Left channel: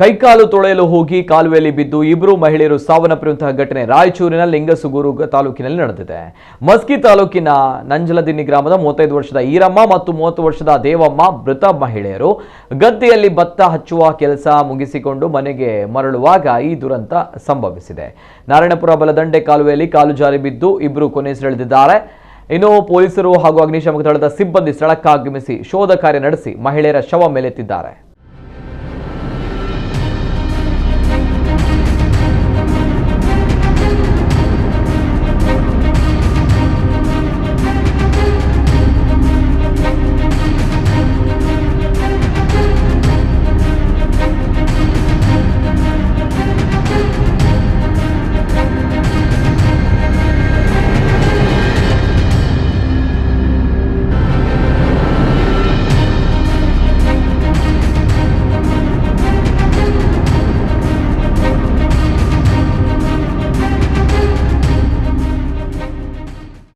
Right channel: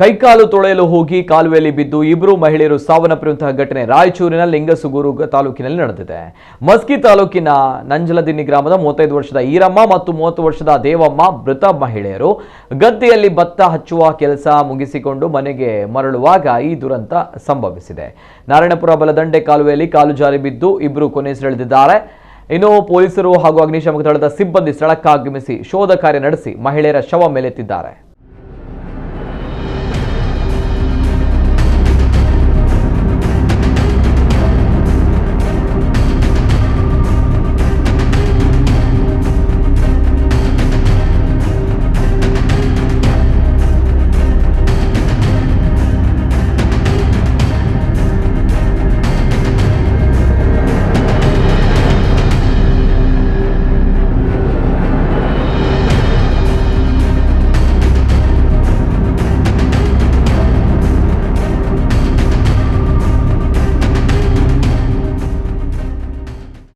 ಕೈಕಾಲು ತೊಳೆಯಲು ಹೋಗಿ ಕಾಲುವೆಯಲ್ಲಿ ಬಿದ್ದು ಇಬ್ಬರು ಮಹಿಳೆಯರು ಸಾವನ್ನಪ್ಪಿರುವಂತಹ ಘಟನೆ ರಾಯಚೂರಿನ ಲಿಂಗಸುಗೂರು ತಾಲೂಕಿನಲ್ಲಿ ನಡೆದಿದೆ. ಮಸ್ಕಿ ತಾಲೂಕಿನ ನಂಜಲದಿನ್ನಿ ಗ್ರಾಮದ 35 ವರ್ಷದ ಈರಮ್ಮ ಮತ್ತು 30 ವರ್ಷದ ದೇವಮ್ಮ ಮೃತ ಮಹಿಳೆಯರು ಗದ್ದೆಯಲ್ಲಿ ಭತ್ತ ಹಚ್ಚುವ ಕೆಲಸ ಮುಗಿಸಿಕೊಂಡು ಮನೆಗೆ ಮರಳುವಾಗ ಈ ದುರಂತ ಸಂಭವಿಸಿದೆ. ನಾರಾಯಣಪುರ ಬಲದಂಡೆ ಕಾಲುವೆಯಲ್ಲಿ ಕಾಲು ಜಾರಿ ಬಿದ್ದು ಇಬ್ಬರು ಕೊನೆಯುಸಿರೆಳೆದಿದ್ದಾರೆ. ಇನ್ನು ಪೊಲೀಸರು ಹಾಗೂ ಅಗ್ನಿಶಾಮಕ ದಳದ ಸಿಬ್ಬಂದಿ ಸ್ಥಳಕ್ಕಾಗಮಿಸಿ ಶೋಧ ಕಾರ್ಯ ನಡೆಸಿ ಮಹಿಳೆಯರ ಶವ ಮೇಲೆತ್ತಿದ್ದಾರೆ.